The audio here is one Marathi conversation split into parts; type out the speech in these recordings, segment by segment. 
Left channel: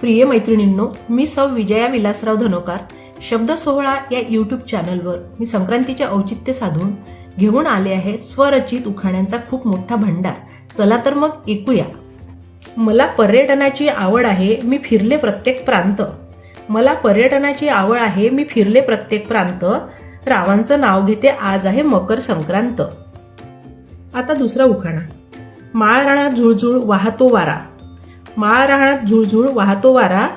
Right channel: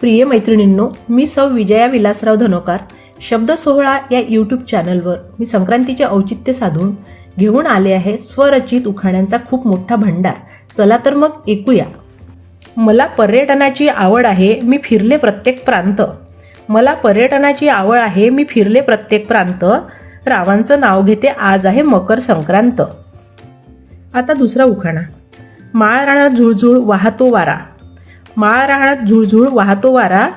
प्रिय मैत्रिणींनो, मी सौ विजया विलासराव धनोकार शब्द सोहळा या यूट्यूब चॅनलवर मी संक्रांतीचे औचित्य साधून घेऊन आले आहे स्वरचित उखाण्यांचा खूप मोठा भंडार. चला तर मग ऐकूया. मला पर्यटनाची आवड आहे, मी फिरले प्रत्येक प्रांत. मला पर्यटनाची आवड आहे, मी फिरले प्रत्येक प्रांत. रावांचं नाव घेते, आज आहे मकर संक्रांत. आता दुसरा उखाणा. माळ रानात झुळझुळ वाहतो वारा. माळ रानात झुळझुळ वाहतो वारा,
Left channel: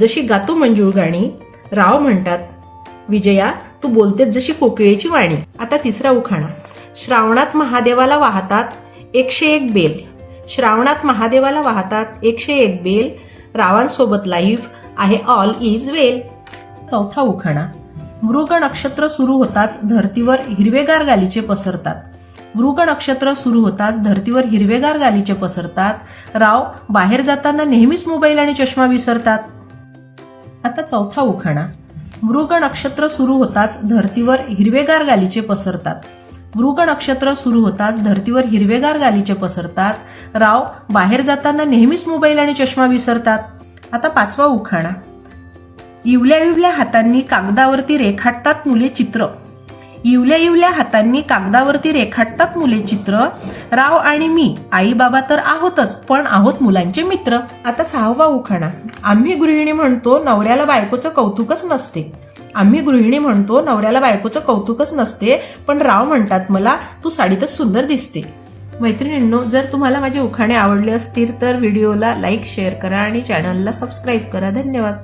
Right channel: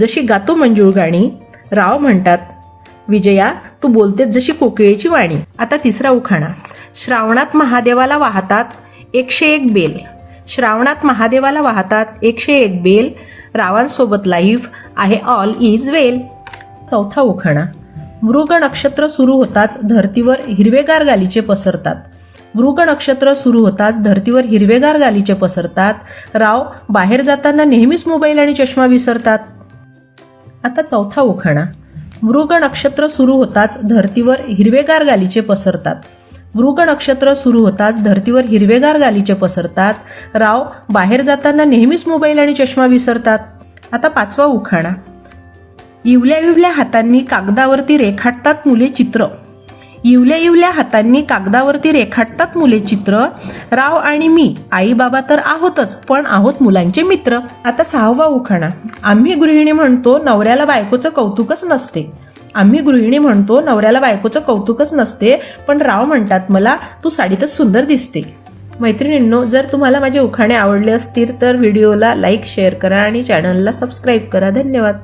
जशी गातो मंजूळ गाणी. राव म्हणतात, विजया तू बोलतेस जशी कोकिळेची वाणी. आता तिसरा उखाणा. श्रावणात महादेवाला वाहतात 101 बेल. श्रावणात महादेवाला वाहतात 101 बेल. रावांसोबत लाईव्ह आहे ऑल इज वेल. चौथा उखाणा. मृग नक्षत्र सुरू होताच धर्तीवर हिरवेगार गालीचे पसरतात. मृग नक्षत्र सुरू होताच धर्तीवर हिरवेगार गालीचे पसरतात. राव बाहेर जाताना नेहमीच मोबाईल आणि चष्मा विसरतात. आता चौथा उखाणा. मृग नक्षत्र सुरू होताच धर्तीवर हिरवेगार गालीचे पसरतात. मृग नक्षत्र सुरू होताच धर्तीवर हिरवेगार गालीचे पसरतात. राव बाहेर जाताना नेहमीच मोबाईल आणि चष्मा विसरतात. आता पाचवा उखाणा. इवल्या इवल्या हातांनी कागदावरती रेखाटतात मुले चित्र. इवल्या इवल्या हातांनी कागदावरती रेखाटतात मुले चित्र. राव आणि मी आई बाबा तर आहोतच, पण आहोत मुलांचे मित्र. आता सहावा उखाणा. आम्ही गृहिणी म्हणतो नवऱ्याला बायकोचं कौतुकच नसते. आम्ही गृहिणी म्हणतो नवऱ्याला बायकोचं कौतुकच नसते, पण राव म्हणतात मला तू साडीतच सुंदर दिसते. मैत्रिणींनो, जर तुम्हाला माझे उखाणे आवडले असतील तर व्हिडिओला लाईक शेअर करा आणि चॅनलला सबस्क्राईब करा. धन्यवाद.